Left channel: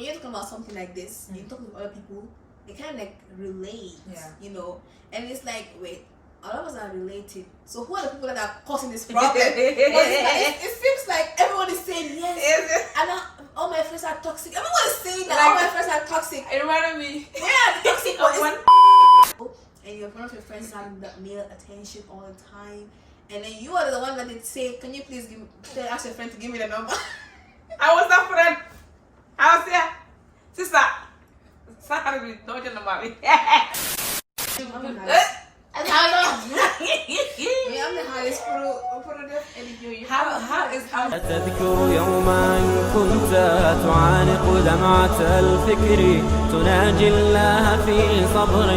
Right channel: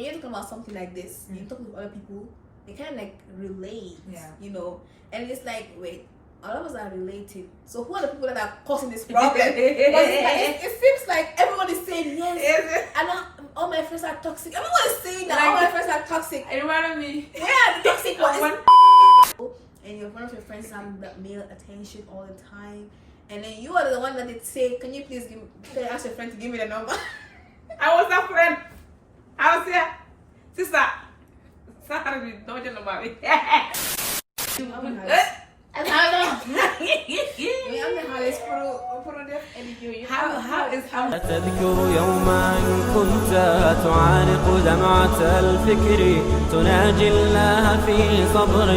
when you're talking about something like this, you're talking to other people, they kind of like relate, you know, and it's like, wait, all of us are related. So who are the people that are causing this problem? it seems like everyone is saying yes. And all my friends are toxic. Everyone is saying that all my friends are toxic. It reminded me. Yeah, the toxic one. And you're one of your friends having that male attention all the time. And then you are the one that did say, can you please ask your friend to give me the number? I was that friend. I was there. Sister. Sorry, don't you know about me? أتذكر يوما كنت تعانق دمعة الفكر تناجي الله في صبر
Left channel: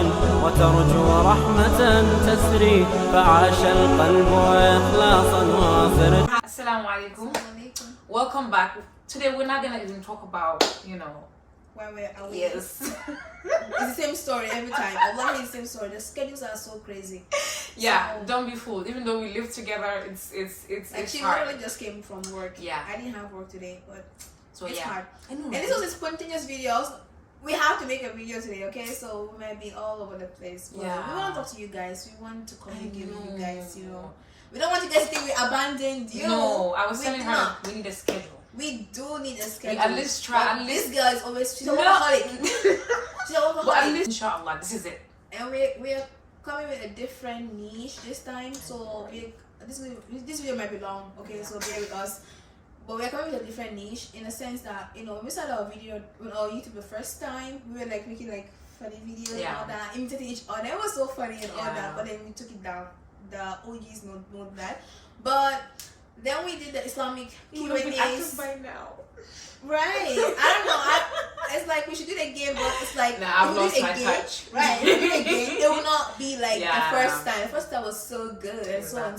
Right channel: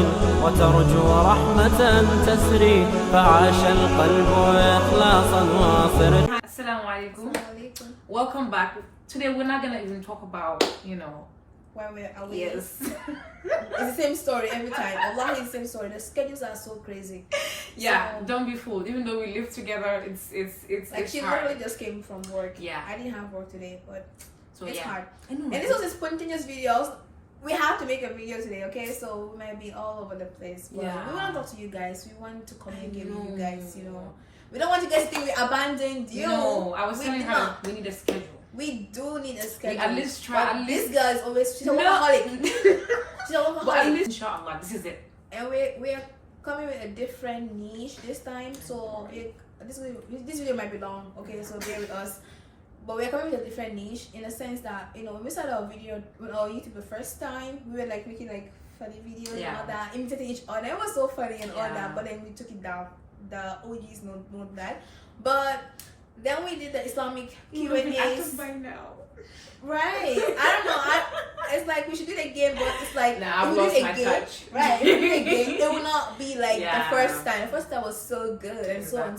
وترجو رحمة تسري فعاش القلب إخلاصا واصرا. Assalamu alaikum. Welcome back. Today we're not gonna even talk about, you know, why we're away. Yes. It's the same story every time. Allah is the same story. The schedules are so crazy. Yeah, so, don't be fooled. Even though we live together, it's like she hard. literally just came from work. Yeah. I didn't have work today, but so it's hard. I know, and this was a spontaneous videos. We have to make a video today, okay? So we might be all over the place. But we want to talk to you guys. We want to communicate with you guys, you know. We don't want you guys to think we abandoned you. No, I was telling her we need a schedule. We do need a schedule. We at least try. At least this girl is always she's a workaholic. She's a workaholic. But at least, inshallah, this is it. And we're coming with a different niche this time. So this video might be long, okay? So bear with us. But we're coming with a different niche in a sense that, you know, when we started our video with our YouTube the first time, we were like making like funny videos and all that, imitating each other. It was so funny and all that. But then we took it down. The OGs know that. But then we did the Islamic Q&As. By now. Right. I don't know. It's like we should do it again, but it's like I've lost my touch. Right. If we do it again, it will not be like the first time. The first time was so good and so on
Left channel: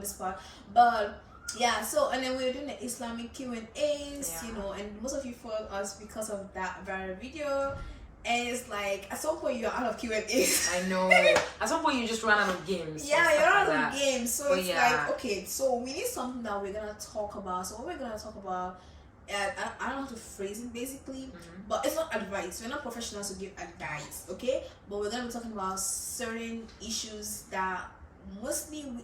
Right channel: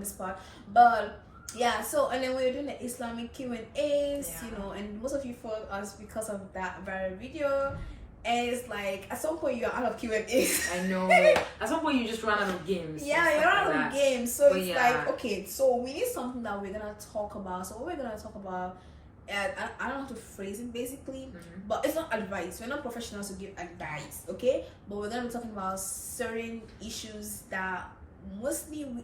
the spot. But yeah, so and then we were doing the Islamic Q&As, you know, and most of you followed us because of that viral video. And it's like at some point you're out of Q&As. I know. At some point you just run out of games. Yeah, you're out of games. So it's like, okay, so we need something that we're gonna talk about. So what we're gonna talk about, I don't know how to phrase it basically, but it's not advice. We're not professionals to give advice, okay? But we're gonna be talking about certain issues that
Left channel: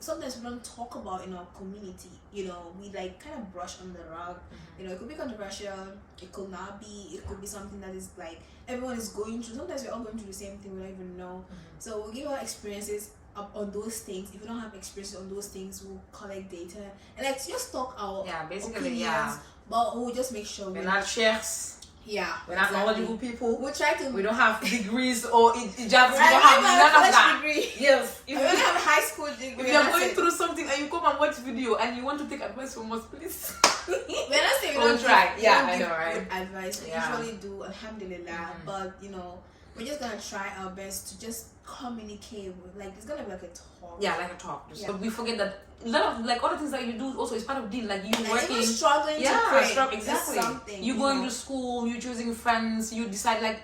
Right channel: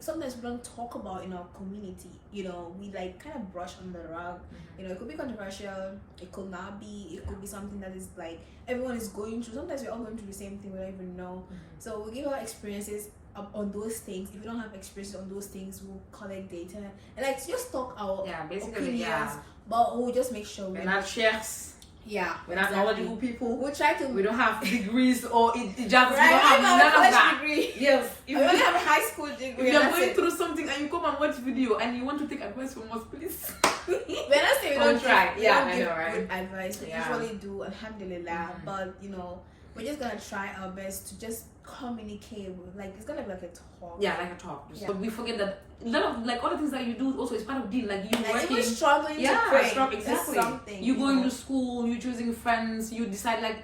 sometimes we don't talk about in our community. You know, we like kind of brush on the rug. You know, it could be controversial, it could not be, it could be something that is like everyone is going through. Sometimes we're all going through the same thing, we don't even know. So we'll give our experiences on those things. If we don't have experiences on those things, we'll collect data and like just talk our opinions, but we'll just make sure we're not chefs. Yeah, we're not knowledgeable people. We'll try to. We don't have degrees or hijabs. We don't have none of that. Degree. Yes, we only have a high school degree. If you're going through something and you come and watch video and you want to take advice from us, please. We're not saying we don't try. We don't give good advice. We usually do, alhamdulillah. But you know, we're just gonna try our best to just communicate. Like it's gonna be like a talk. Yeah, like a talk. But we forget that a lot of like all the things that you do also is part of deal. Like you working, even struggling to pray. Exactly. Something, you going to school, you choosing friends, you decide like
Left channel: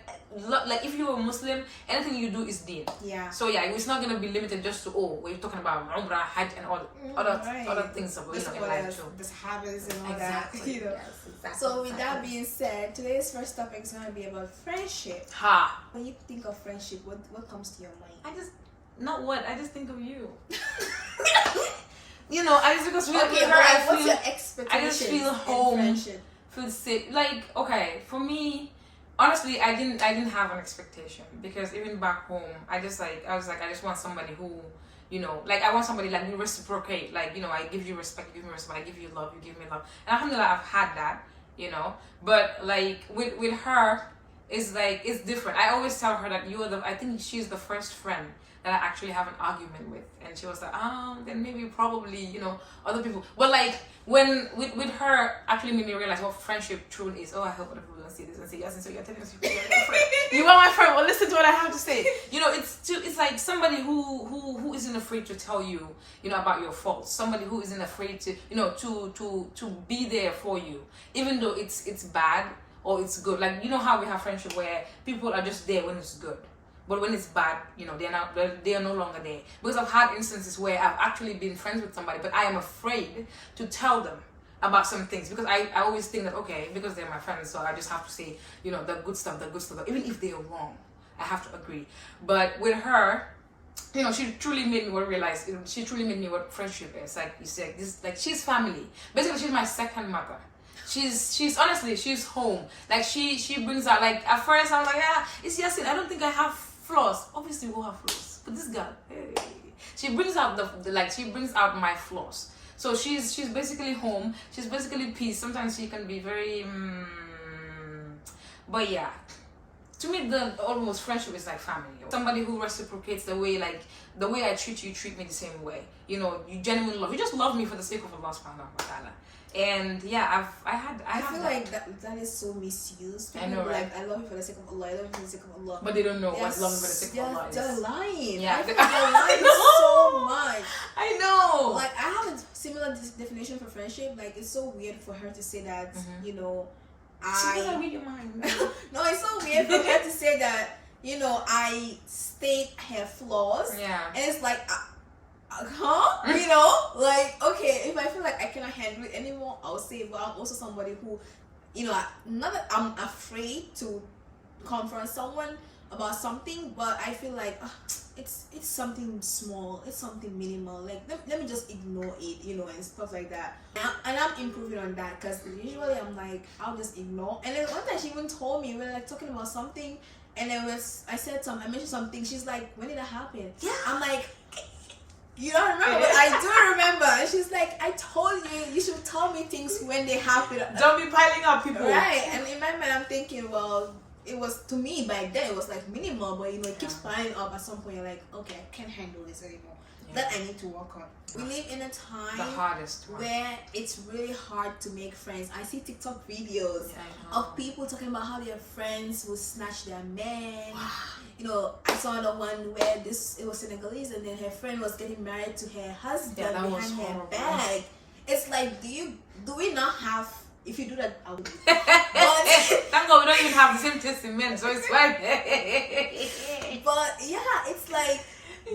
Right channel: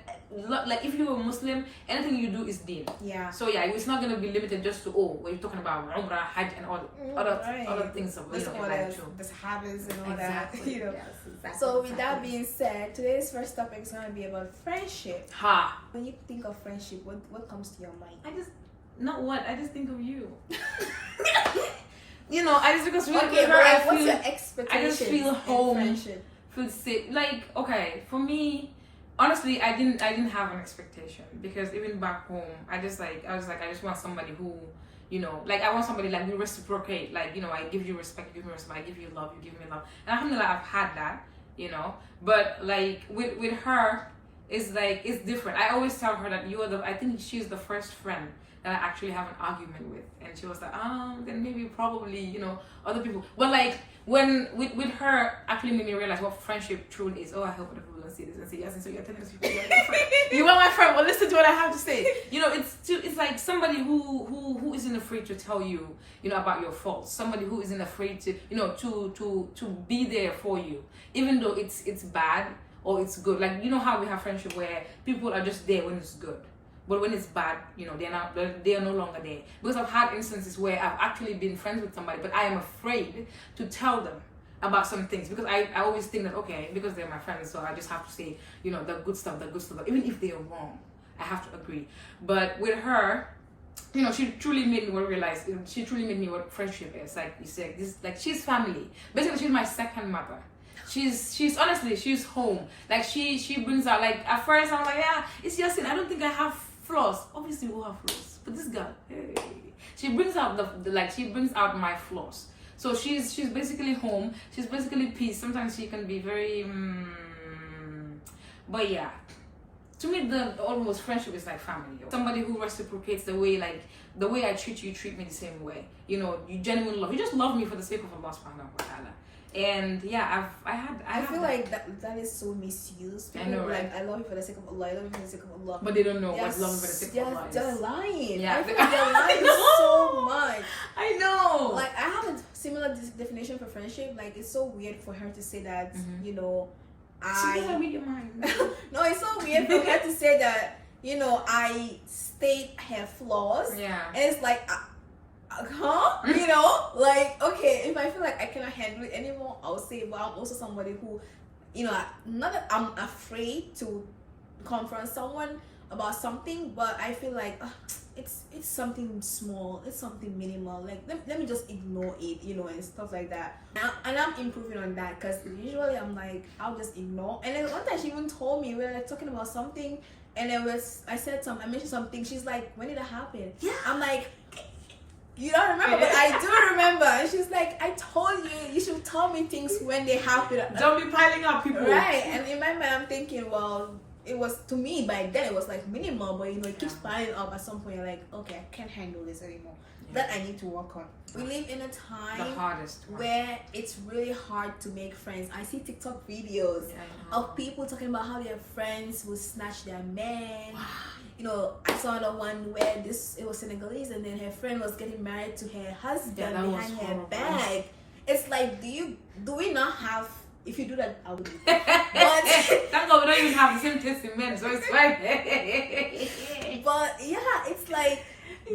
if you're a Muslim, anything you do is deen. Yeah. So yeah, it's not gonna be limited just to we're talking about Umrah, Hajj, and all other things of life too. The Sahabas and all that. You know. Yes, exactly. So with that being said, today's first topic is gonna be about friendship. When you think of friendship, what comes to your mind? I just think of you. You know, I just because what's your expectation? I just feel home, friendship? feel safe. Like okay, for me, honestly, I didn't have an expectation because even back home, I just want somebody who, you know, like I want somebody like we reciprocate. Like you know, I give you respect, you give me respect, I give you love, you give me love. And alhamdulillah, I've had that, you know. But like with her, it's like it's different. I always tell her that I think she's the first friend that I actually have an argument with, and she was like, then maybe probably, you know, other people. But like when with her actually made me realize what friendship truly is. I hope other people don't see this and say yes, and so you're telling us people you're my friend. You are my friend. Well, listen to what I have to say. You know, it's like somebody who isn't afraid to tell you, you know, about your faults. Somebody who isn't afraid to, you know, to be there for you, even though it's bad or it's good. Like you know how we have friendship where people are just there when it's good. But when it's bad, you know, they are no longer there. Because I've had instances where I've actually been friends with somebody, but I am afraid to tell them about some things, because I always think that, okay, because they're my friends, so I just have to say, the good stuff, even if they are wrong, I have to agree. But with her, she truly made me realize, she truly made me what friendship is. Like you said, she's family. Basically, she's my second mother. She's honestly, she's home. Like she brings out, like at first I was like, it's Yasin, I don't think I have flaws. Obviously we all have flaws, but this girl, hey, she brings out she brings out my flaws. So she's basically home. She's basically peace. Sometimes she can be very, but yeah. To me, almost friendship is like family. Somebody who reciprocates the way I treat you, treat me the same way. You genuinely love. You just love me for the sake of Allah subhanahu wa ta'ala. And yeah, I feel like that is so misused. People I know, right? Like, I love you for the sake of Allah. I love you for the sake of Allah. But they don't know what love for the sake of Allah is. They're lying. Yeah. I feel like they're lying so much. I know. Like, I have a similar definition for friendship. Like, it's so weird for her to say that. She doesn't read your mind. No, it's so weird for her to say that. I state her flaws. Yeah. And it's like. Like, okay, if I feel like I cannot handle it anymore, I'll say, well, I'm also somebody who, not that I'm afraid to confront someone about something, but I feel like it's something small, it's something minimal, like let me just ignore it, and stuff like that. And I'm improving on that, because usually I'm like, I'll just ignore. And then one time she even told me, we were like talking about something, and I mentioned something, she's like, when did that happen? Yeah. I'm like, you don't remember, but I do remember. And she's like, I told you should tell me things when they happen. Don't be piling up people. Right. And in my mind, I'm thinking, well, it was, to me, by then, it was like minimal, but it keeps piling up. At some point, you're like, okay, I can't handle this anymore. That I need to work on. We live in a time where it's really hard to make friends. I see TikTok videos of people talking about how their friends will snatch their men. I saw the one where it was Senegalese, and then her friend was getting married to her husband behind her back. It's like, do we not have? If you do that, I would. But thank God we don't even have the same taste in men, so it's fine. But yeah, it's like,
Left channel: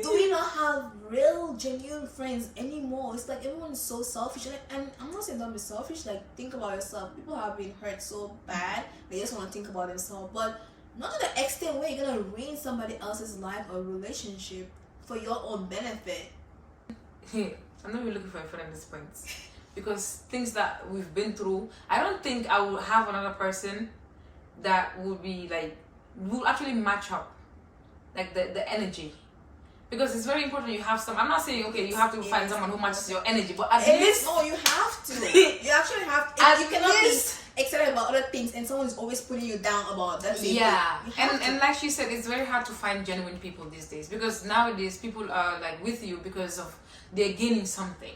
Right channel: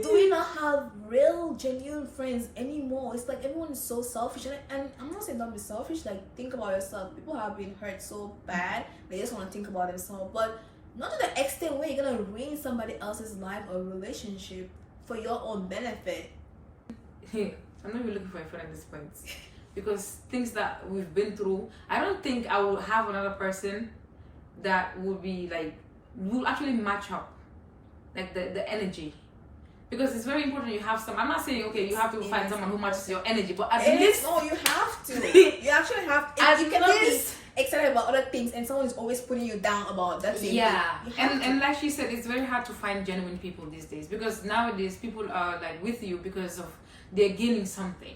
do we not have real, genuine friends anymore? It's like everyone is so selfish, and I'm not saying don't be selfish. Like, think about yourself. People have been hurt so bad, they just want to think about themselves, but not to the extent where you're gonna ruin somebody else's life or relationship for your own benefit. I'm not really looking for a friend at this point, because things that we've been through, I don't think I will have another person that would be like, will actually match up, like the energy. Because it's very important you have some. I'm not saying, okay, you have to find someone who matches your energy, but at least. No, you have to. You actually have to. You cannot be excited about other things and someone is always putting you down about that thing. Yeah. And like she said, it's very hard to find genuine people these days, because nowadays people are like with you because of they're gaining something.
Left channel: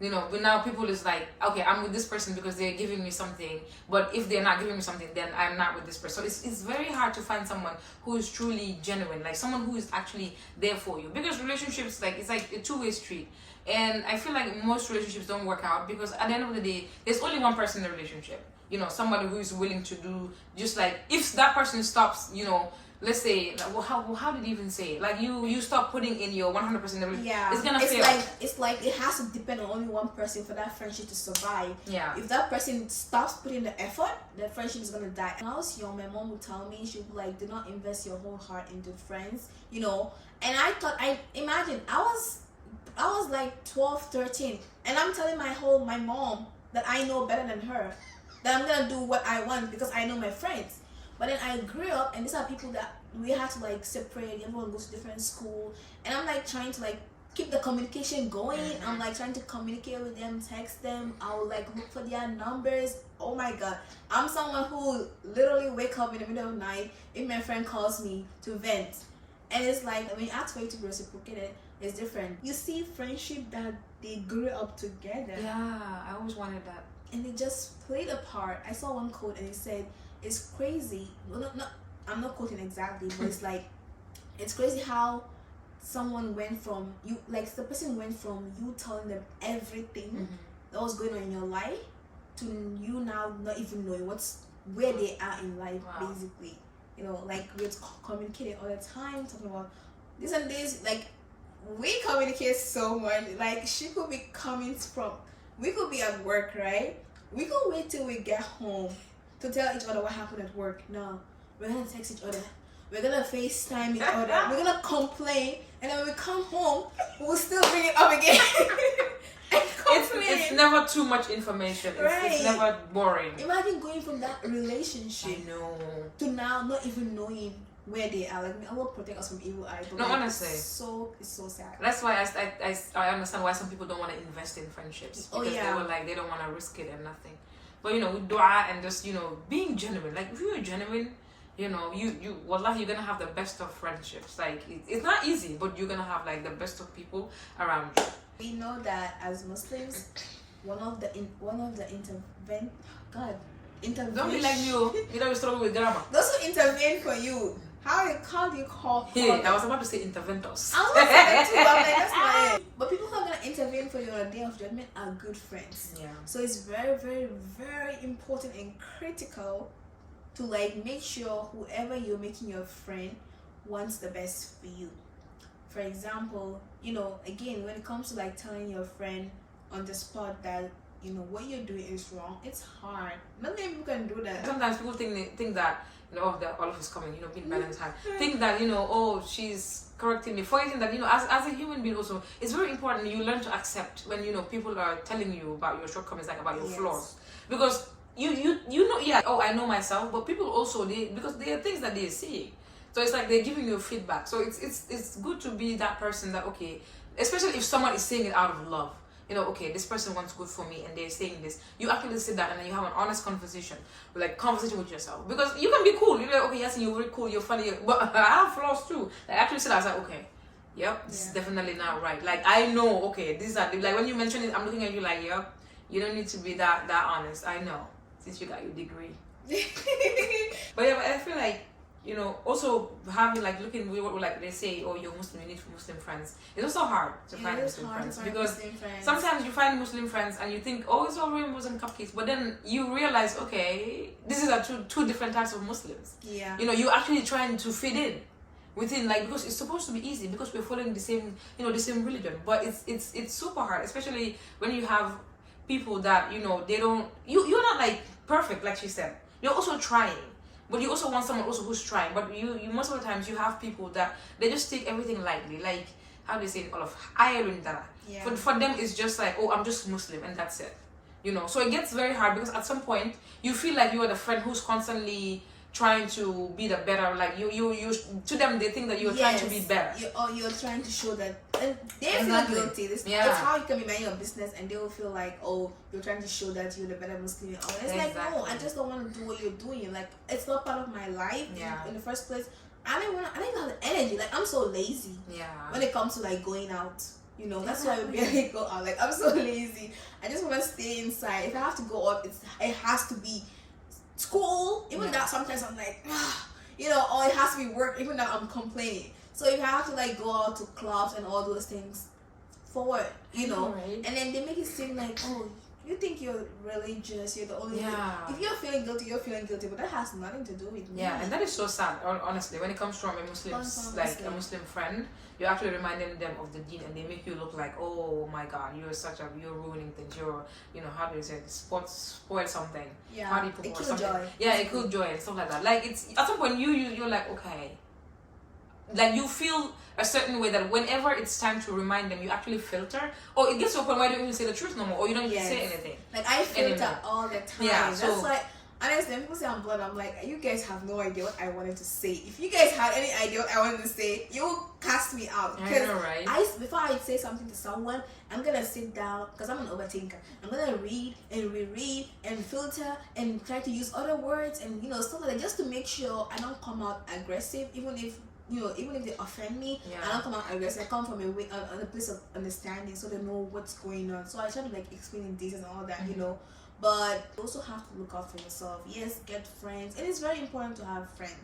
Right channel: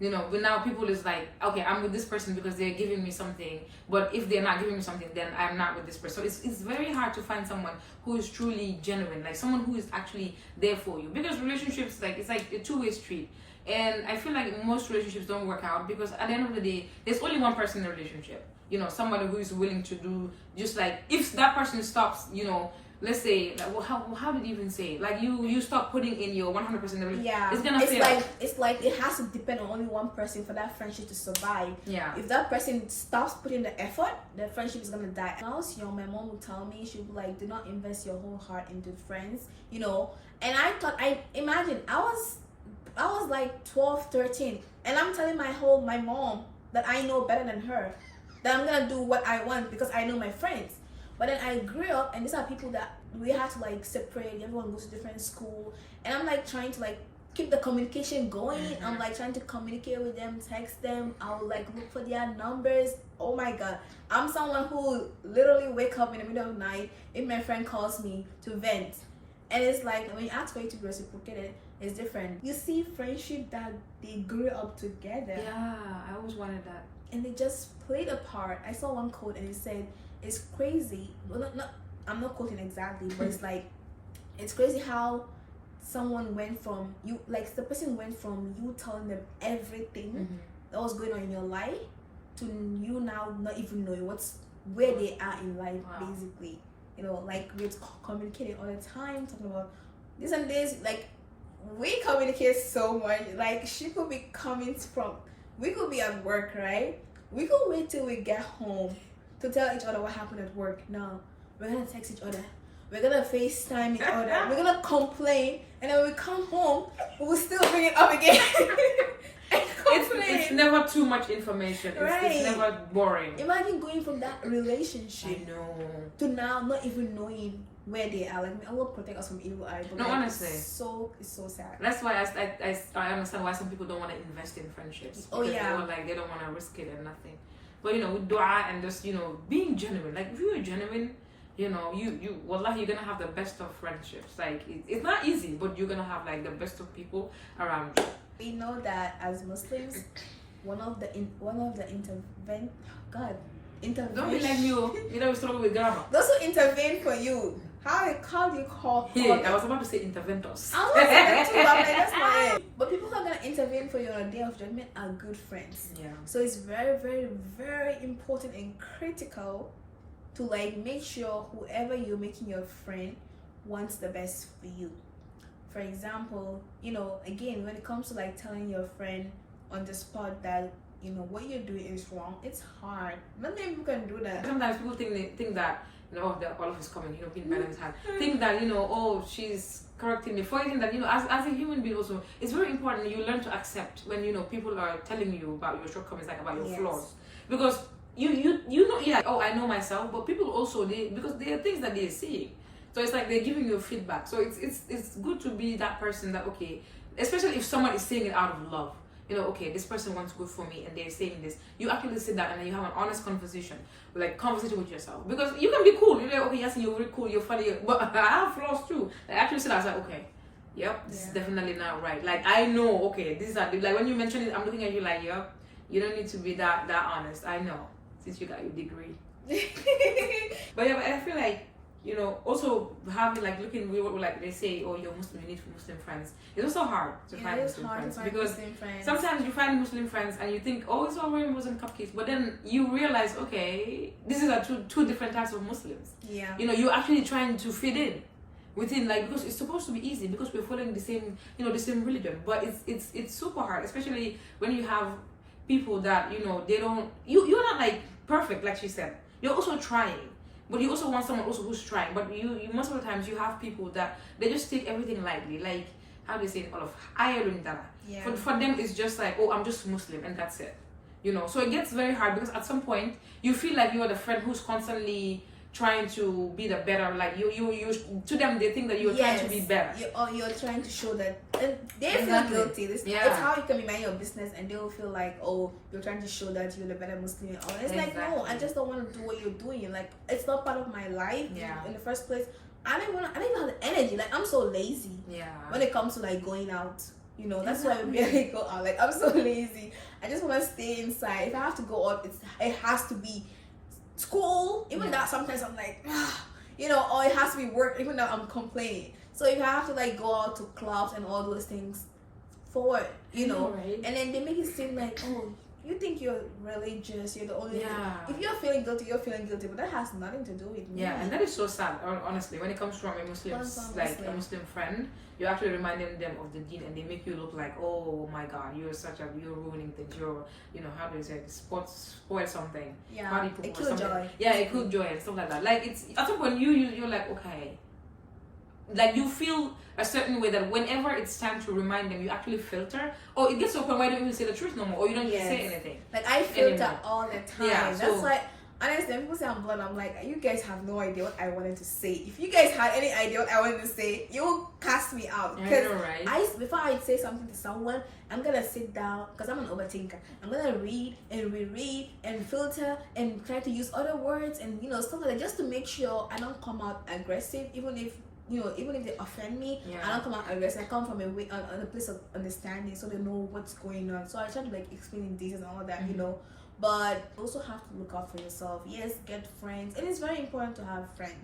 But now people is like, okay, I'm with this person because they're giving me something, but if they're not giving me something, then I'm not with this person. So it's very hard to find someone who is truly genuine, like someone who is actually there for you, because relationships, like, it's like a two-way street. And I feel like most relationships don't work out, because at the end of the day, there's only one person in a relationship. Somebody who is willing to do, just like, if that person stops, let's say, like, well, how did you even say it? Like, you stop putting in your 100%. Yeah, it's gonna fail. It's like it has to depend on only one person for that friendship to survive. Yeah. If that person stops putting the effort, the friendship is gonna die. When I was young, my mom would tell me, she'd be like, do not invest your whole heart into friends, And I thought, I was like 12, 13, and I'm telling my mom that I know better than her, that I'm gonna do what I want because I know my friends. But then I grew up, and these are people that we had to like separate. Everyone goes to different school, and I'm like trying to like keep the communication going. I'm like trying to communicate with them, text them. I will like look for their numbers. Oh my God, I'm someone who literally wake up in the middle of the night if my friend calls me to vent, and it's like when you ask for you to be reciprocated, it's different. You see friendship that they grew up together. Yeah, I always wanted that. And they just played a part. I saw one quote and it said, it's crazy. Well, I'm not quoting exactly, but it's like, it's crazy how someone went from you, like the person went from you telling them everything that was going on in your life to you now not even knowing where they are in life. Wow. Basically, like we're communicating all the time, talking about this and this. Like we communicate so much. Like she could be we could be at work, right? we can wait till we get home to tell each other what happened at work. No, we're gonna text each other. We're gonna FaceTime each other. We're gonna complain, and then when we come home, we'll still bring it up again. And complain. It's never too much information. Right. It's never boring. Imagine going from that relationship I know. to now not even knowing where they are. Like, Allah protect us from evil eye. But No, like, honestly. it's so sad. That's why I understand why some people don't want to invest in friendships. Oh, Because yeah. they were like, they don't want to risk it and nothing. But, you know, with dua and just, you know, being genuine. Like, if you're genuine, you know, wallah, you're going to have the best of friendships. Like, it's not easy, but you're going to have, like, the best of people around you. We know that as Muslims, one of the intervention. Don't be like you. You know, we struggle with grammar. Those who intervene for you. How do you call Here, I was about to say interventors. I was going to say that too. I'm like, that's not it. But people who are gonna intervene for you on a day of judgment are good friends. Yeah. So it's very, very, very important and critical to like make sure whoever you're making your friend wants the best for you. For example, you know, again, when it comes to like telling your friend on the spot that, you know, what you're doing is wrong, it's hard. Not many people can do that. Sometimes people think that, you know, all of us coming, you know, being balanced hard. Think that, you know, oh, she's correcting me. Forgetting that, you know, as a human being also, it's very important you learn to accept when, you know, people are telling you about your shortcomings, like about your flaws. Because you know, yeah, oh, I know myself, but people also, because there are things that they're seeing. So it's like they're giving you feedback. So it's good to be that person that, okay, especially if someone is saying it out of love. You know, okay, this person wants good for me and they're saying this. You actually sit down and then you have an honest conversation with yourself. Because you can be cool. You're like, okay, yes, you're very cool, you're funny, but I have flaws too. Like, actually sit down, I was like, okay, yep, this is definitely not right. Like, I know, okay, these are, like, when you mention it, I'm looking at you like, yep, you don't need to be that honest. I know, since you got your degree. But yeah, but I feel like, you know, also having like like they say, oh, you're Muslim, you need Muslim friends. It's also hard to find Muslim friends because sometimes you find Muslim friends and you think, oh, it's all very Muslim cupcakes, but then you realize, okay, this is two different types of Muslims. Yeah. You know, you're actually trying to fit in within, like, because it's supposed to be easy because we're following the same, you know, the same religion, but it's super hard, especially when you have people that, you know, they don't, you're not like perfect, like she said. You're also trying. But you also want someone also who's trying. But you most of the times you have people that they just take everything lightly. Like, how do you say it? All of iron. Yeah. For them it's just like, oh, I'm just Muslim and that's it. You know, so it gets very hard because at some point you feel like you are the friend who's constantly trying to be the better. Like you to them they think that you're trying to be better. You're trying to show that, and they Exactly. feel guilty. It's how you can be minding your business and they will feel like, oh, you're trying to show that you're the better Muslim. Oh, it's like, no, I just don't want to do what you're doing. Like, it's not part of my life. Yeah. In the first place, I don't even have the energy. Like, I'm so lazy. Yeah. When it comes to like going out. You know, that's why we barely go out. Like, I'm so lazy. I just want to stay inside. If I have to go out, it has to be school. Even that, sometimes I'm like, you know, or it has to be work. Even though I'm complaining. So if I have to like go out to clubs and all those things, for what? You know, Right. and then they make it seem like, oh, you think you're religious, you're the only if you're feeling guilty, you're feeling guilty, but that has nothing to do with me. Yeah, and that is so sad, honestly. When it comes from a Muslim, like a Muslim friend, you're actually reminding them of the deen and they make you look like, oh my god, you're ruining things, you know, how do you say it, spoil something. Yeah, Party people a or kill something. joy. Yeah, a kill joy and stuff like that. Like, it's at some point you're like, okay. Like, you feel a certain way that whenever it's time to remind them, you actually filter, or it gets to a point where you don't even say the truth no more, or you don't even say anything. Like, I filter anymore. all the time. Yeah, That's so, why, honestly, when people say I'm blonde, I'm like, you guys have no idea what I wanted to say. If you guys had any idea what I wanted to say, you will cast me out. I know, right? Before I say something to someone, I'm gonna sit down, because I'm an overthinker. I'm gonna read and reread and filter and try to use other words and, you know, stuff like that, just to make sure I don't come out aggressive, even if they offend me. Yeah. I don't come out aggressive. I come from a place of understanding, so they know what's going on. So I try to like explain in details and all that, you know. But you also have to look out for yourself. Yes, get friends. It is very important to have friends.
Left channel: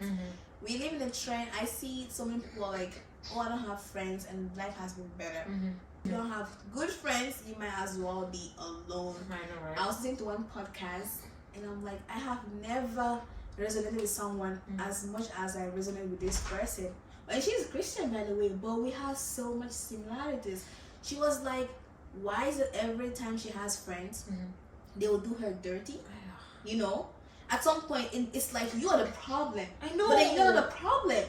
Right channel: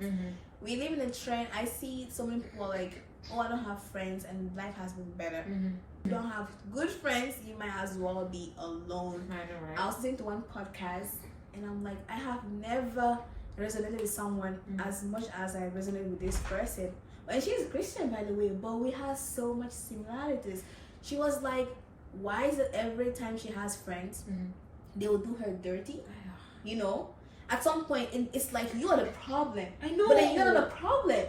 We live in a trend. I see so many people are like, oh, I don't have friends and life has been better. You don't have good friends, you might as well be alone. I know, right? I was listening to one podcast and I'm like, I have never resonated with someone as much as I resonated with this person. And she's a Christian, by the way, but we have so much similarities. She was like, why is it every time she has friends, they will do her dirty. You know, at some point, it's like you are the problem. I know. But then you're not the problem.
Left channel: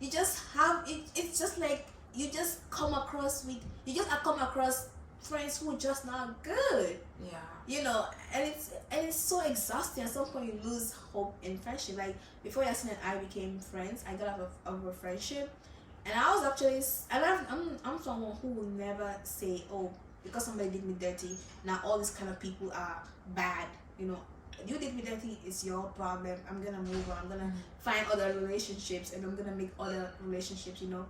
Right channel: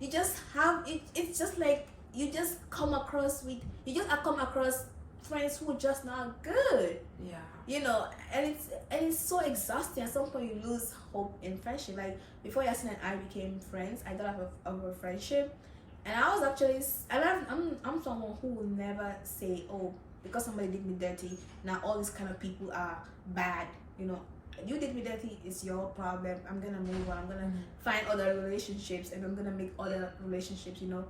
You just have it. It's just like you just come across friends who are just not good. Yeah. You know, and it's so exhausting. At some point, you lose hope in friendship. Like before Yasin and I became friends, I got out of a friendship, and I was actually I'm someone who will never say, oh, because somebody did me dirty, now all these kind of people are bad. You know, you did me dirty, it's your problem. I'm gonna move on. I'm gonna find other relationships, and I'm gonna make other relationships. You know.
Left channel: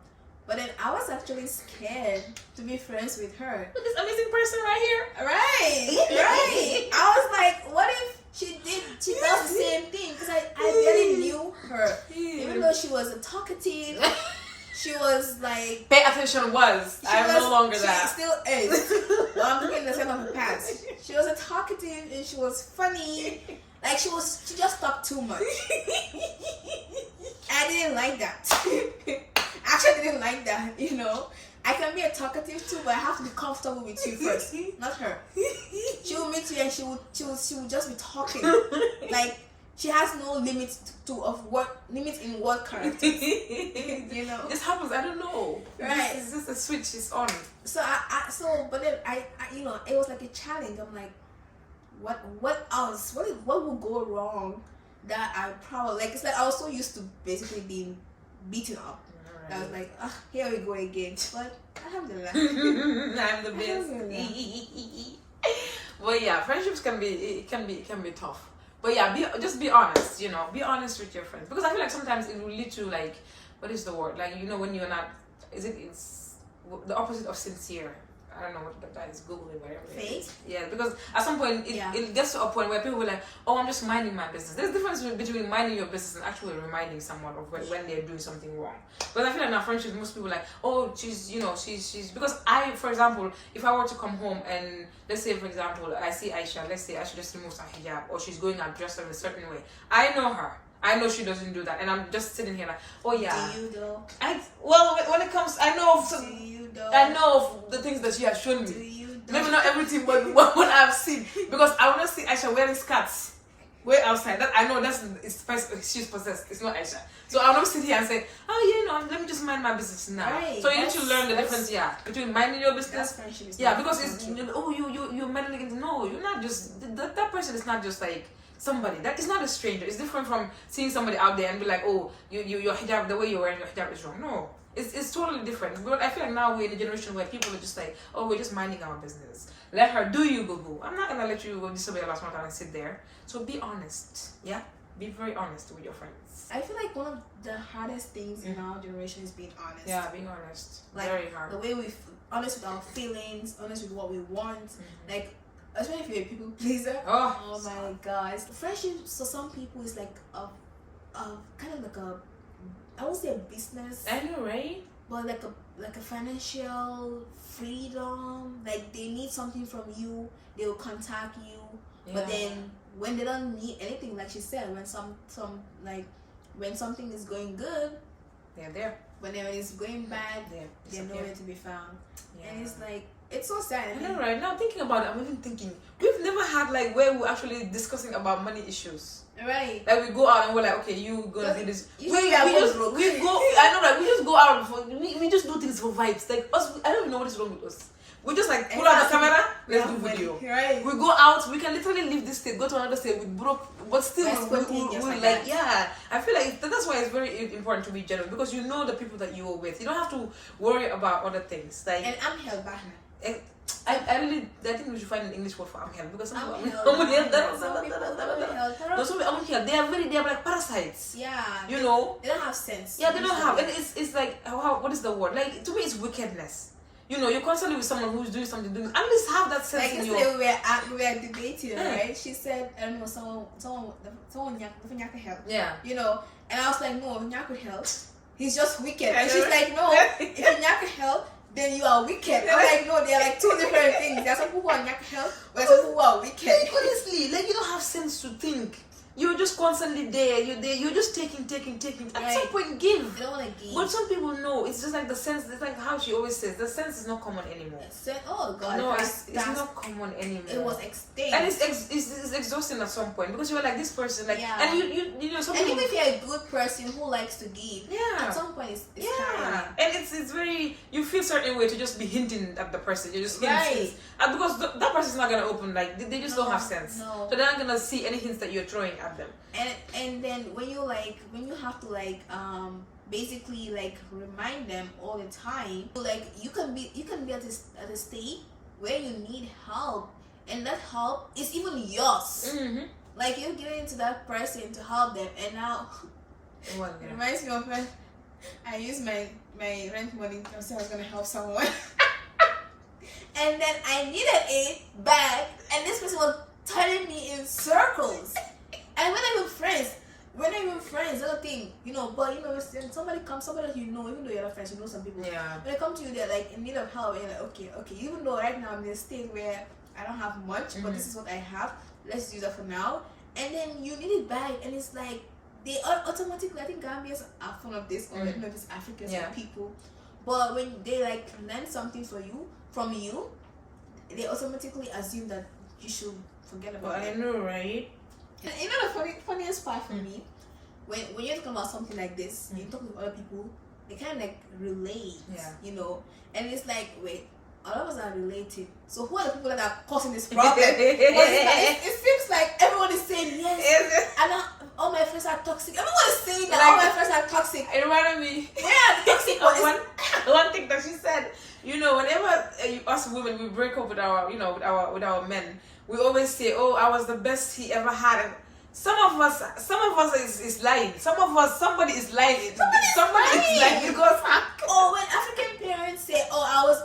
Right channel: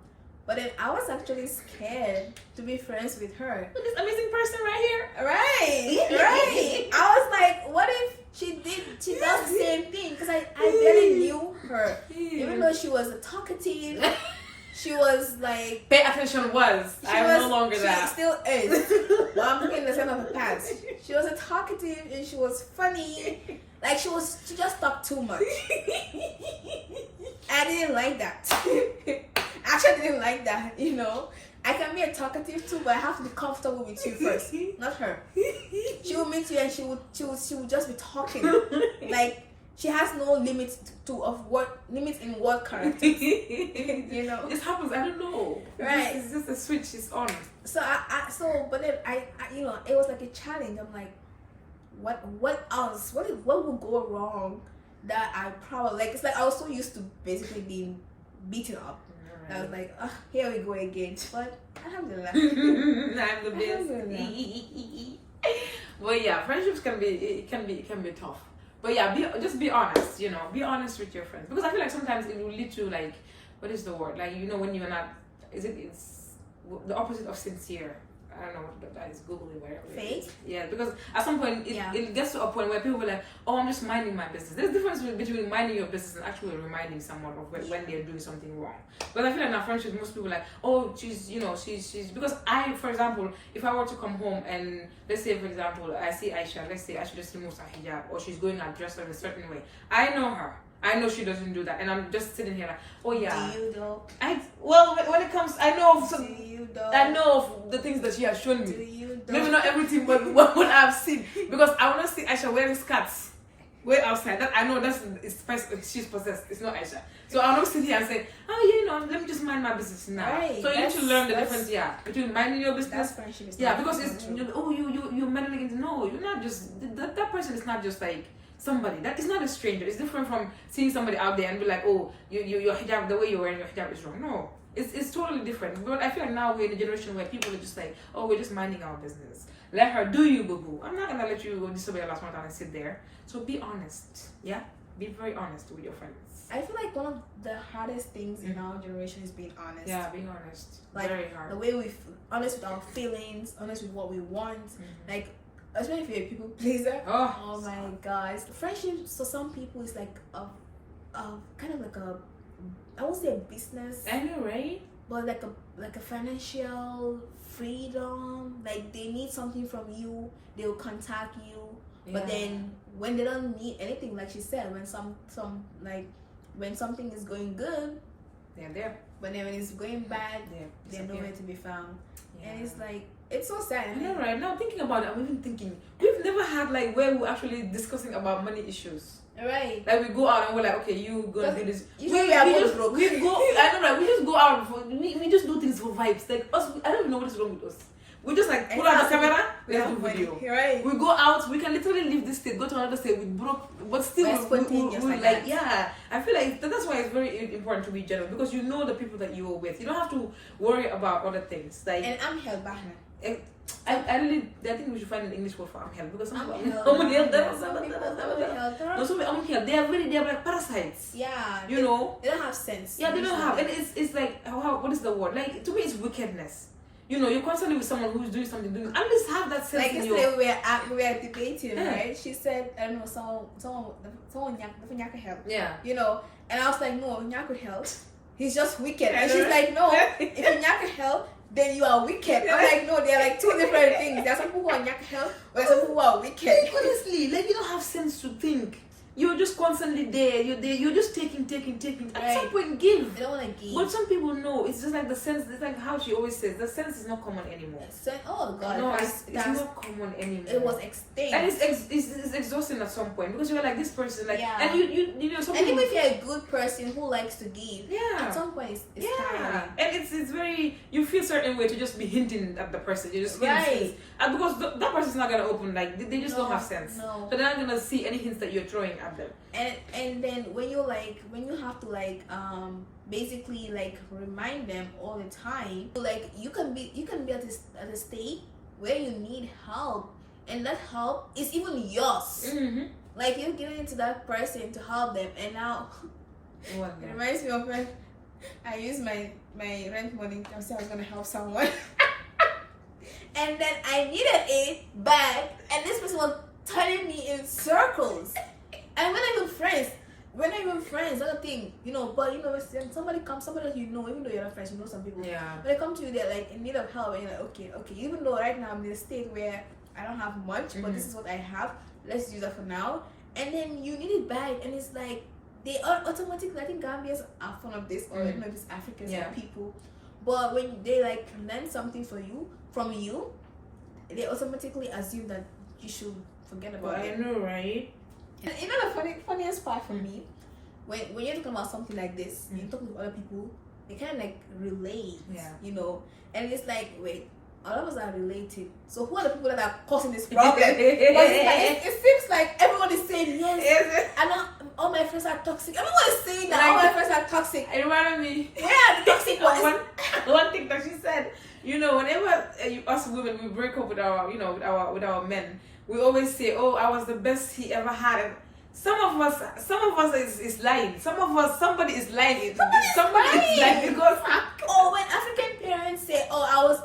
But then I was actually scared to be friends with her. With this amazing person right here. Right. I was like, what if she does the same thing? Because I barely knew her. Even though she was a talkative, she was like... Pay attention I'm no longer that. She still is. Well, I'm looking in the center of her past. She was a talkative and she was funny. Like she just talked too much. I didn't like that. Actually, I didn't like that, you know. I can be a talkative too, but I have to be comfortable with you first, not her. She will meet you and she will just be talking. Like she has no limits limits in what characters. You know. This happens, I don't know. Right. It's just a switch is on. But then I you know, it was like a challenge. I'm like, what else? What would go wrong that I probably like? It's like I was so used to basically being beaten up. I was like, here we go again. But alhamdulillah. I'm the best. Well, yeah, friendships can be tough. But yeah, just be honest. You know, be honest with your friends, because I feel like sometimes it will lead to like, what is the word? Like, you know, when you're not, it's the opposite of sincere. I don't know what that is. Google it, whatever. Fake? Yeah, because at some point it gets to a point where people were like, oh, I'm just minding my business. There's a difference between minding your business and actually reminding someone of when they're doing something wrong. But I feel like in our friendships, most people are like, oh, she's because I, for example, if I were to come home and let's say, for example, I see Aisha, let's say Aisha just removes her hijab or she's going out dressed in a certain way. I know her. I know she doesn't do that, and I'm just sitting here like, oh yeah. Do you though? When it comes, I know of some. Do you though? I know of the things that she has shown me. Do you though? Maybe not everything, but what I've seen, because I want to see Aisha wearing skirts way outside. That I know she's possessed. It's not Aisha. So I'm not sit here and say, oh, you know, let me just mind my business now. Right. So you need to learn the difference, between minding your business. Friendship is Because it's you're meddling into. No, you're not just that person is not just like somebody. That is not a stranger. It's different from seeing somebody out there and be like, oh, your hijab, the way you're wearing your hijab is wrong. No, it's totally different. But I feel like now we're in a generation where people are just like, oh, we're just minding our business. Let her do you, boo-boo. I'm not gonna let you go disobey Allah subhanahu wa ta'ala and sit there. So be honest. Yeah, be very honest with your friends. I feel like one of the hardest things in our generation is being honest. Yeah, being honest. Like, very hard. the way honest with our feelings, honest with what we want. Like, especially if you're a people pleaser. Oh my gosh. Friendship for some people is like a kind of like I won't say a business. I know, right? But like a financial freedom. Like they need something from you, they will contact you. Yeah. But then when they don't need anything, like she said, when when something is going good, they're there. But then when it's going bad, they're nowhere to be found. Yeah. And it's like, it's so sad. I know, right? Now thinking about it, I'm even thinking we've never had like where we're actually discussing about money issues. Right. Like we go out and we're like, okay, you gonna do this. We just go. I know, like we just go out we just do things for vibes. Like us, I don't even know what is wrong with us. We just like pull out the camera, let's do video. Right. We go out, we can literally leave this state, go to another state with broke, but still we like I feel like that's why it's very important to be generous, because you know the people that you are with. You don't have to worry about other things. Like, and I'm held back. I think we should find an English word for I'm held, because some people they are like parasites. Yeah. You know? They don't have sense. Yeah, they don't have. It's like what is the word? Like to me, it's wickedness. You know, you're constantly with someone who's doing something. At least have that sense. Like yesterday we were debating, right? She said, I don't know, someone Nyaka help. Yeah. You know, and I was like, no, Nyaka help. He's just wicked. And she's like, no, if Nyaka help, then you are wicked. I'm like, no, they're like two different things. There's some people who are Nyaka help, but there's some people who are wicked. Like, honestly, like you don't have sense to think. you're just constantly there. You're just taking. At some point, give. They don't want to give. But some people know. It's just like the sense. It's like how she always says. The sense is not common anymore. Oh God! No, it's not common anymore. It was extinct, and it's exhausting at some point because you're like this person, like, and you know. And even if you're a good person who likes to give, at some point it's tiring. And it's very, you feel certain way to just be hinting at the person. You're just hinting, and because that person's not gonna open, like they just don't have sense. No. So they're not gonna see any hints that you're throwing at them. And then when you have to basically like remind them all the time, like you can be at a state where you need help, and that help is even yours. Like you're giving it to that person to help them, and now it reminds me of when I used my rent money. I said I was gonna help someone, and then I needed it back, and this person was turning me in circles. And we're not even friends. That's the thing, you know. But you know, when somebody that you know, even though you're not friends, you know some people. Yeah. When they come to you, they're like in need of help, and you're like, okay. Even though right now I'm in a state where I don't have much, but this is what I have. Let's use that for now. And then you need it back, and it's like they are automatically. I think Gambians are fond of this, or I don't know if it's Africans or people. But when they like learn something from you, they automatically assume that you should forget about it. I know, right? And you know the funniest part for me, when you're talking about something like this, you're talking to other people, they kind of like relate, you know, and it's like, wait, all of us are related. So who are the people that are causing this problem? it seems like everyone is saying yes. And all my friends are toxic. Everyone is saying that all my friends are toxic. It reminded me. Yeah, the toxic one. One thing that she said, you know, whenever us women we break up with our, you know, with our men, we always say, "Oh, I was the best he ever had." And some of us is lying. Somebody is lying. Somebody is lying because when African parents say, "Oh, I was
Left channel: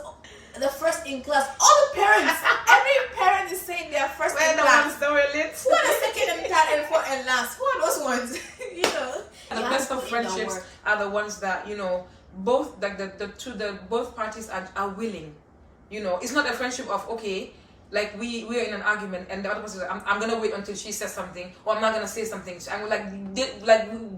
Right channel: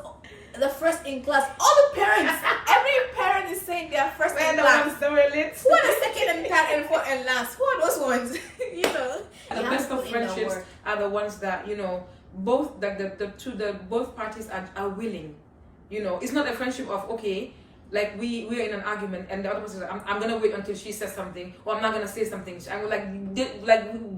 the first in class," all the parents, every parent is saying they are first in class. Who are the second and third and fourth and last? Who are those ones? You know, the best of friendships are the ones that, you know, both both parties are willing. You know, it's not a friendship of, okay, like we are in an argument and the other person says, I'm gonna wait until she says something, or I'm not gonna say something. So I'm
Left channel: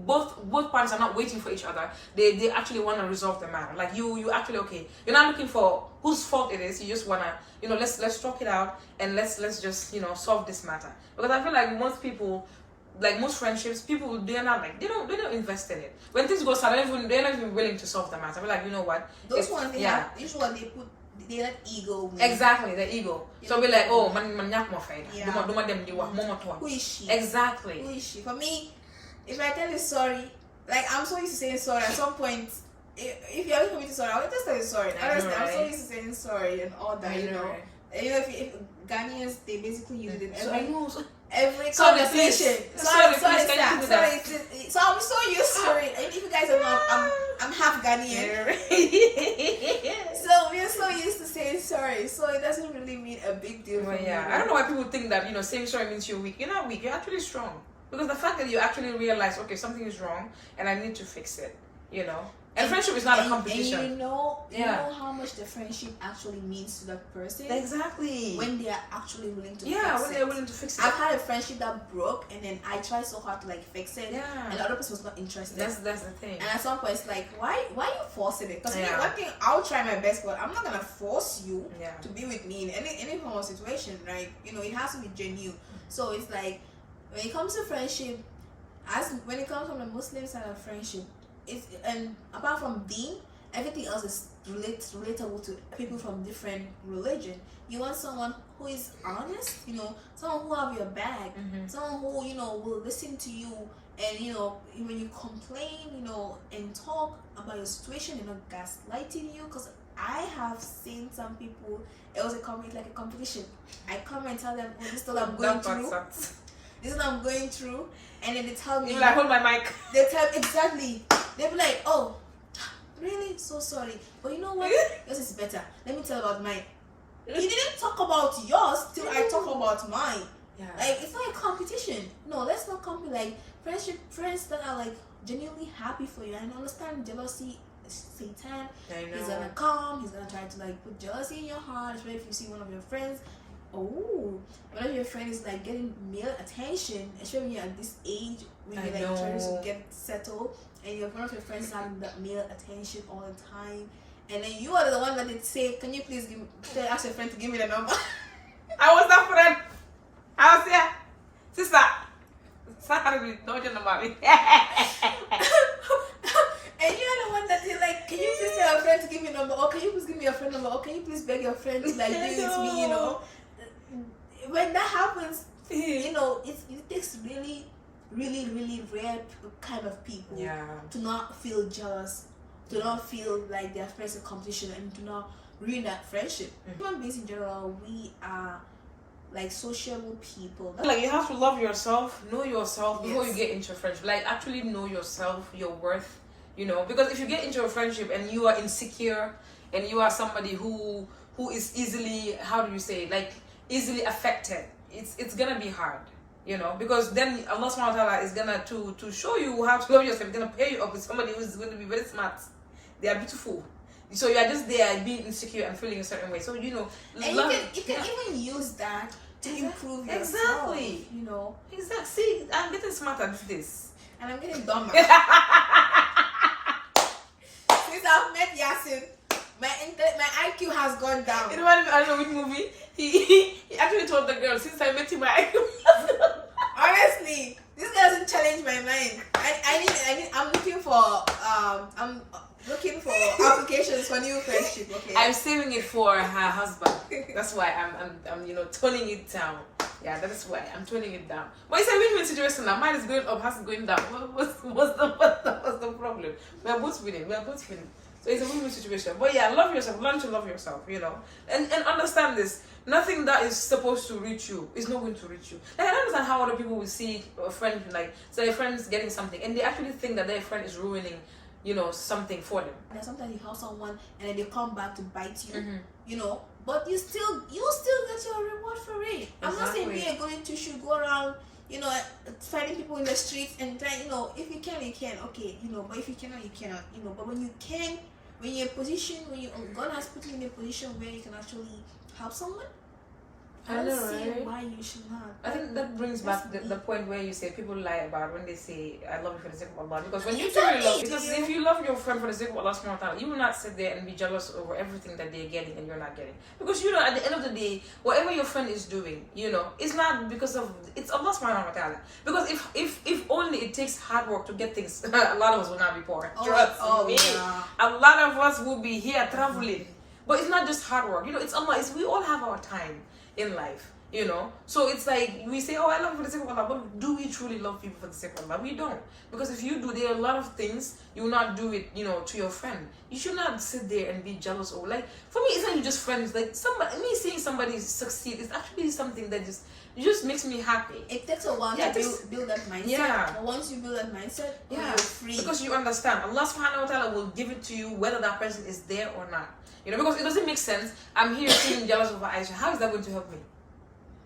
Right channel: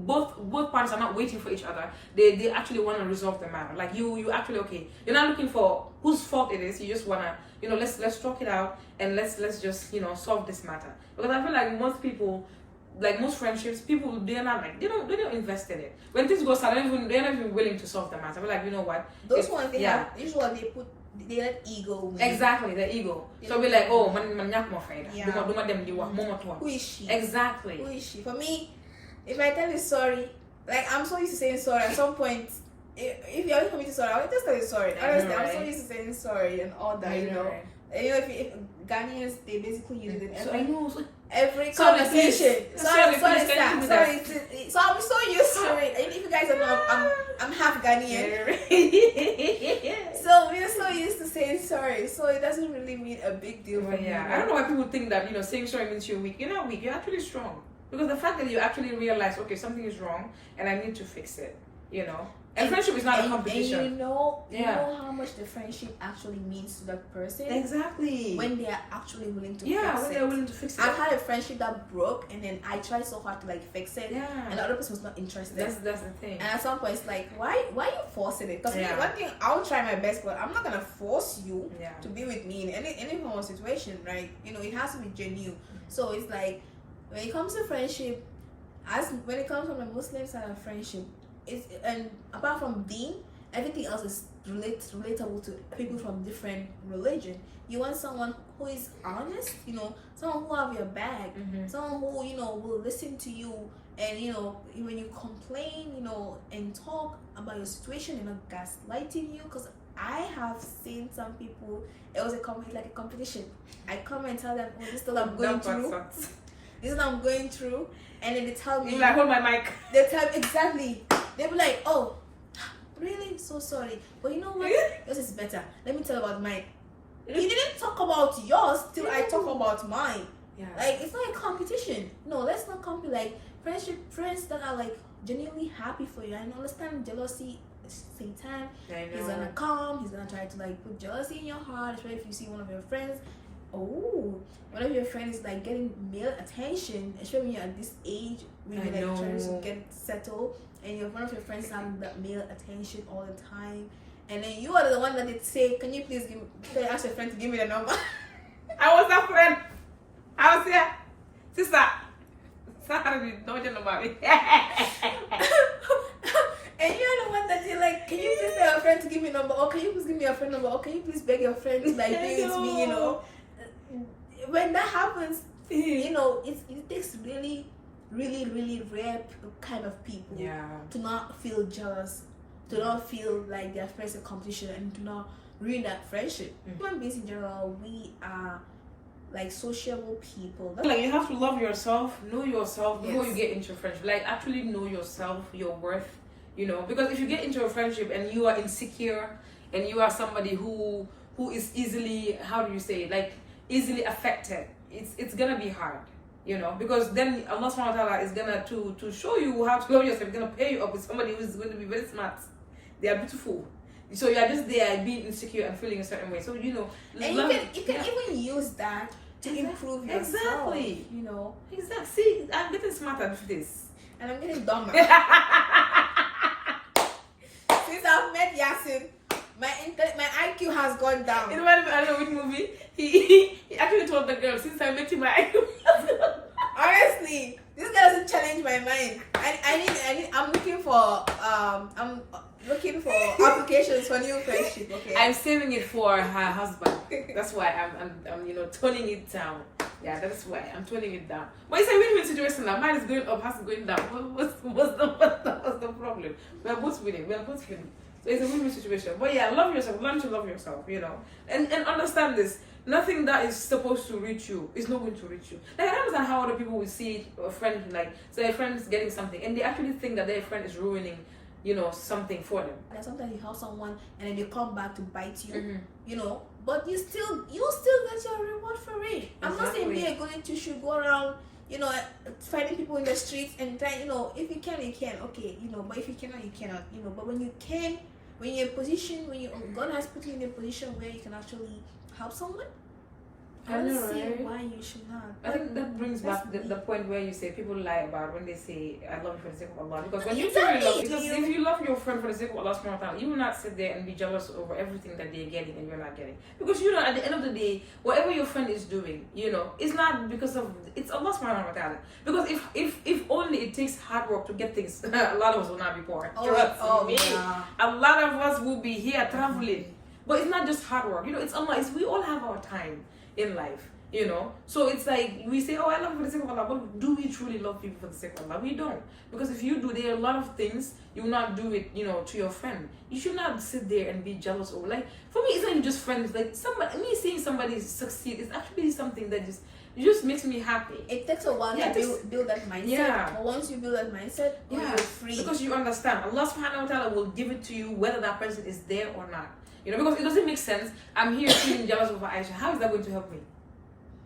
both parties are not waiting for each other. They actually want to resolve the matter. Like you actually, okay, you're not looking for whose fault it is. You just wanna, you know, let's talk it out and let's just, you know, solve this matter. Because I feel like most people, like most friendships, people, they're not like, they don't invest in it. When things go south, they're not even willing to solve the matter. We're like, you know what, those ones usually they let ego win. Exactly, the ego. So we're like, oh, man nyak mo faida. Who is she? Exactly. Who is she? For me, if I tell you sorry, like I'm so used to saying sorry. At some point, if you ever come to sorry, I'll just tell you sorry. Honestly, I'm so used to saying sorry and all that, you know. And, you know, if Ghanaians, they basically use it in every conversation. Sorry. So I'm so used to it. And if you guys don't know, I'm half Ghanaian. So we're so used to saying sorry. So it doesn't really mean a big deal for me. I don't know why people think that, you know, saying sorry means you're weak. You're not weak. You're actually strong. Because the fact that you actually realize, okay, something is wrong and I need to fix it, you know. And friendship is not a competition. And you know how much the friendship actually means to that person. Exactly. When they are actually willing to fix it. Yeah, when they are willing to fix it. I've had a friendship that broke, and then I tried so hard to like fix it. Yeah. And the other person was not interested. That's the thing. And at some point, it's like, why you forcing it? Because one thing, I'll try my best, but I'm not gonna force you to be with me in any form of situation, right? You know, it has to be genuine. So it's like, when it comes to friendship, when it comes from the Muslim side of friendship, and apart from deen, everything else is relatable to people from different religion. You want someone who is honest, you know, someone who have your back, someone who, you know, will listen to you, and, you know, when you complain, you know, and talk about your situation, you know, gaslighting you. Because I have seen some people, it was like a competition. I come and tell them, oh, this is what I'm going through. This is what I'm going through. And then they tell me, like, hold my mic. They tell exactly. They'll be like, oh, really? So sorry. But you know what? Yours is better. Let me tell about mine. You didn't talk about yours till I talk about mine. Yeah. Like, it's not a competition. No, let's not compete. Like, friends that are like genuinely happy for you. And understand jealousy is Satan. He's gonna come. He's gonna try to like put jealousy in your heart, especially if you see one of your friends Oh, one of your friends is like getting male attention, especially when you're at this age when I you're like trying know. to get settled, and you're one of your friends having that male attention all the time, and then you are the one that they say, "Can you please ask your friend to give me the number?" I was that friend. I was here, sister. Sorry, don't you know about me? And you're the one that you're like, "Can you please tell your friend to give me a number? Or can you please give me your friend number? Or can you please beg your friend to like do it with me?" You know, when that happens, you know, it takes really, really, really rare kind of people to not feel jealous, to not feel like their friends in competition, and to not ruin that friendship. Human beings in general, we are like sociable people. Like, you have to love yourself, know yourself before Yes. you get into a friendship. Like, actually know yourself, your worth, you know. Because if you get into a friendship and you are insecure and you are somebody who is easily, how do you say, like easily affected, it's gonna be hard, you know. Because then Allah subhanahu wa ta'ala is gonna to show you how to love yourself. He's gonna pair you up with somebody who's going to be very smart. They are beautiful. So you are just there being insecure and feeling a certain way. So, you know, And you can even use that to improve yourself. Exactly. You know. Exactly. See, I'm getting smarter with this. And I'm getting dumber. Since I've met Yasin, my IQ has gone down. In one, I don't know which movie, he actually told the girl, since I met him, Honestly, this guy doesn't challenge my mind. I'm looking for applications for new friendship. Okay. I'm saving it for her husband. That's why I'm you know, toning it down. Yeah, that's why I'm toning it down. But it's a win-win situation now. Mine is going up, hers is going down. What's the problem? We're both winning. So it's a win-win situation. But yeah, love yourself. Learn to love yourself, you know. And understand this. Nothing that is supposed to reach you is not going to reach you. Like, I don't understand how other people will see a friend, like, say a friend is getting something, and they actually think that their friend is ruining, you know, something for them. There's sometimes you help someone and then they come back to bite you, you know, but you still get your reward for it. I'm not saying be a goody two should go around, you know, fighting people in the streets and try, you know, if you can, okay, you know, but if you cannot, you cannot, you know. But when you can, when you're in a position, God has put you in a position where you can actually help someone, I don't see why you should not. I think that brings back the point where you say people lie about when they say I love you for the sake of Allah. Because when Exactly. you truly love, because if you love your friend for the sake of Allah subhanahu wa ta'ala, you will not sit there and be jealous over everything that they're getting and you're not getting. Because you know, at the end of the day, whatever your friend is doing, you know, it's not because of, it's Allah subhanahu wa ta'ala. Because if only it takes hard work to get things, a lot of us will not be poor. Trust me. Yeah. A lot of us will be here traveling. But it's not just hard work, you know, it's Allah. We all have our time in life, you know. So it's like we say, oh, I love you for the sake of Allah, but do we truly love people for the sake of Allah? We don't. Because if you do, there are a lot of things you will not do it, you know, to your friend. You should not sit there and be jealous or like, for me, it's not even just friends. Like me seeing somebody succeed is actually something that just makes me happy. It takes a while to build that mindset. Yeah. But once you build that mindset, you're free. Because you understand, Allah subhanahu wa ta'ala will give it to you whether that person is there or not. You know, because it doesn't make sense. I'm here feeling jealous over Aisha. How is that going to help me?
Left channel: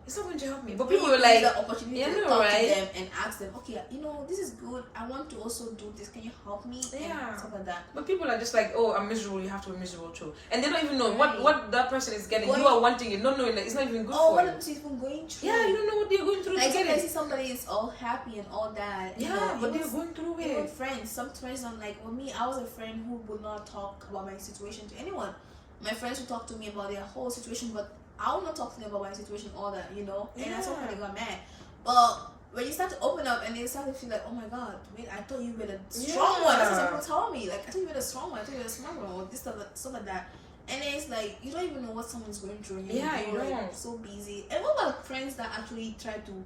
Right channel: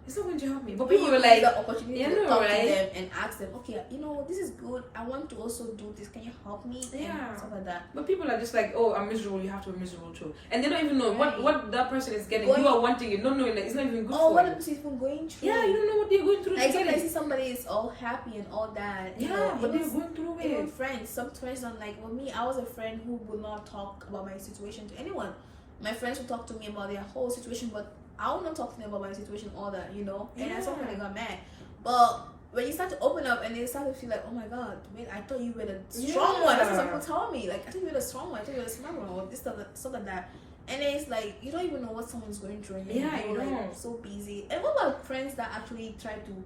It's not going to help me. But people are like, the opportunity to talk to them and ask them, okay, you know, this is good. I want to also do this. Can you help me? Yeah. And stuff like that. But people are just like, oh, I'm miserable. You have to be miserable too. And they don't even know what that person is getting. You are wanting it, not knowing that it's not even good for you. what the person is even going through. Yeah, you don't know what they're going through. Like sometimes see somebody is all happy and all that. Yeah, you know, but they're going through it. Even friends. Some friends are like, well, me, I was a friend who would not talk about my situation to anyone. My friends would talk to me about their whole situation, but I will not talk to them about my situation, all that, you know. And at some point they got mad. But when you start to open up and they start to feel like, oh my God, wait, I thought you were the strong one. That's what some people tell me. Like, I thought you were the strong one. I thought you were the smart one, or this stuff like that. And then it's like you don't even know what someone's going through, and you're like so busy. And what about friends that actually try to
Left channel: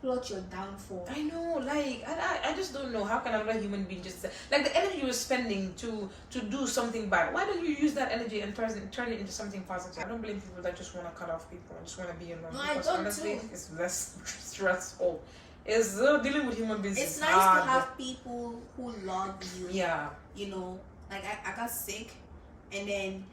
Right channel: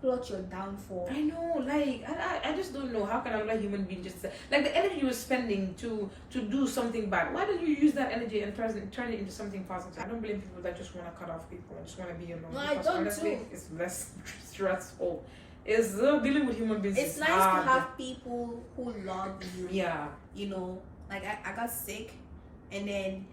plot your downfall? I know, like I just don't know how can another human being just like the energy you're spending to do something bad. Why don't you use that energy and turn it into something positive? I don't blame people that just want to cut off people and just want to be alone. No, because I don't honestly, too. it's less stressful. It's dealing with human beings. It's nice hard. to have people who love you. Yeah. You know, like I got sick, and then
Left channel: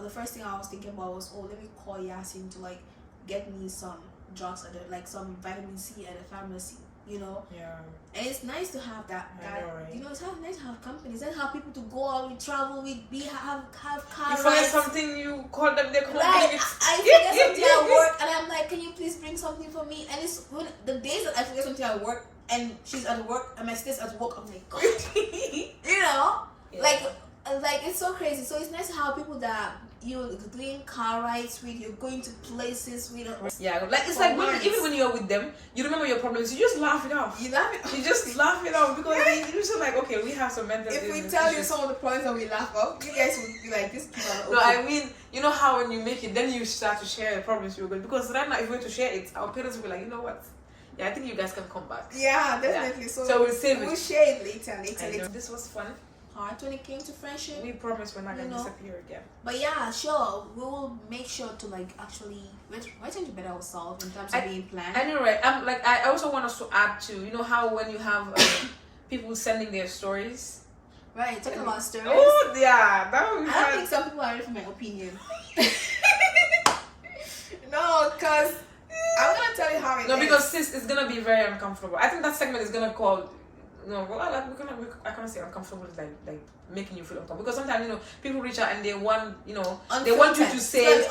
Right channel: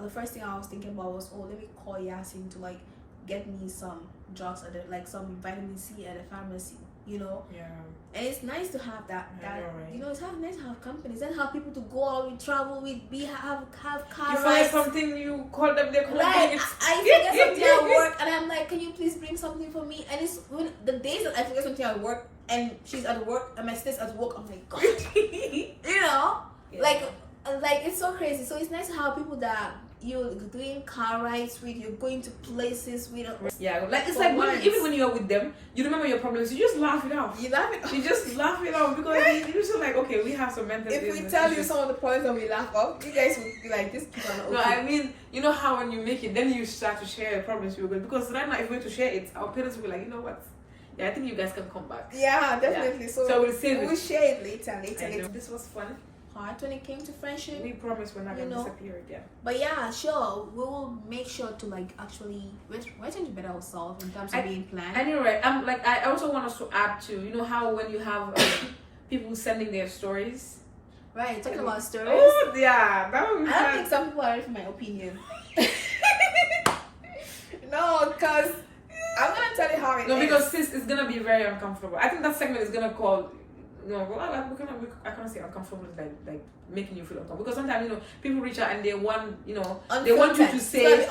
the first thing I was thinking about was, oh, let me call Yasin to like get me some drugs some vitamin C at the pharmacy. you know. Yeah. And it's nice to have that. I know, right? You know, it's nice to have companies and have people to go out, we travel, we have car You forget rides. something, you call them, they come. Right, I forget something at work, and I'm like, can you please bring something for me? And it's when the days that I forget something at work, and she's at work, and my sister's at work, I'm like, God, you know, like it's so crazy. So it's nice to have people that you're doing car rides with, you're going to places with. Yeah, like it's like even when you're with them, you remember your problems, you just laugh it off. You laugh it. You just laugh it off because you're just like, okay, we have some mental. If we tell you some of the problems that we laugh off, you guys will be like, this people are not okay. No, I mean, you know how when you make it, then you start to share your problems with people, because right now if we're to share it, our parents will be like, you know what? Yeah, I think you guys can come back. Yeah, definitely. Yeah. So we'll save it. We'll share it later. This was fun. Hard when it came to friendship. We promise we're not gonna disappear again. But yeah, sure, we will make sure to like actually we're trying to better ourselves in terms of being planned. I know, right? I also want us to add to, you know how when you have people sending their stories. Right, talking about stories. Oh yeah, that would be I don't think some people are ready for my opinion. No, because I'm gonna tell you how it is. No, because sis, it's gonna be very uncomfortable. I think that segment is gonna call. No, well, like I can't say uncomfortable, like making you feel uncomfortable, because sometimes, you know, people reach out and they want, you know, they want you to say,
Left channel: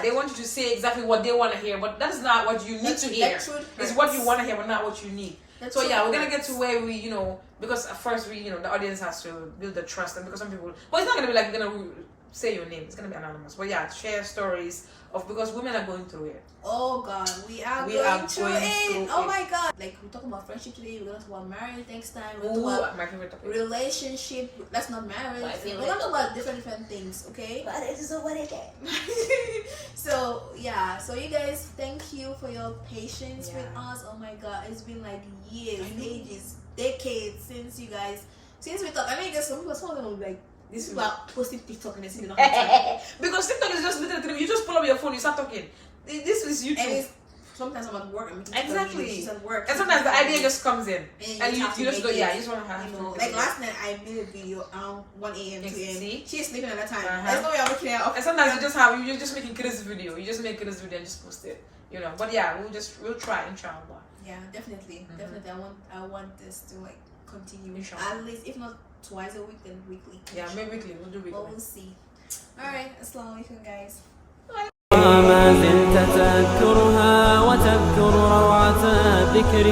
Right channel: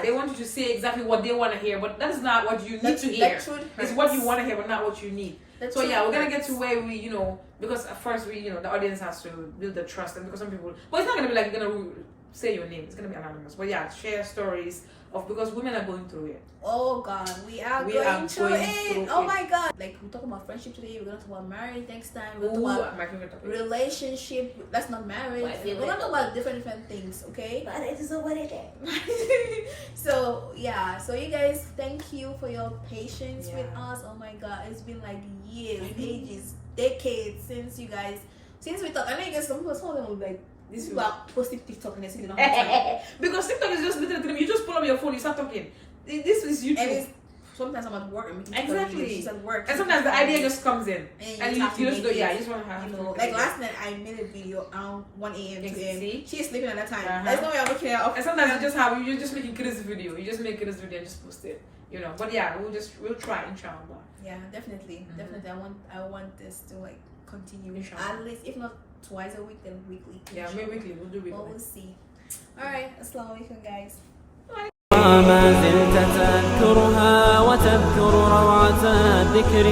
they want you to say exactly what they want to hear, but that is not what you need to hear. It's what you want to hear, but not what you need. So yeah, we're gonna get to where we, you know, because at first we, you know, the audience has to build the trust, and because some people, well, it's not gonna be like you're gonna say your name, it's gonna be anonymous, but yeah, share stories of, because women are going through it. Oh God, we are going through it. Oh my God, like we're talking about friendship today. We're gonna talk about marriage next time. We're gonna talk about relationship. That's not marriage. We're gonna talk about different things. Okay. But it is what it is. So yeah, so you guys, thank you for your patience with us. Oh my God, it's been like years, ages, decades since we talked. I know you guys, some of them will be like, this is about posting TikTok and it's not time. Because TikTok is just literally, you just pull up your phone, you start talking. This is YouTube. And it's, sometimes I'm at work and exactly. She's at work. And sometimes the idea just comes in. And you just go, you just want to have, you know, like last night I made a video around 1 a.m. 2 a.m. She's sleeping at that time. There's no way I'm looking at her. And sometimes you're just making crazy video. You just make crazy video and just post it. You know, but yeah, we'll try, inshallah. Yeah, definitely. Definitely. I want this to like continue. Inshallah. At least, if not twice a week, then weekly. Yeah, maybe weekly. We'll do weekly. Well, we'll see. Alright, assalamu alaikum guys. ما زلت تذكرها وتذكر روعة الذكر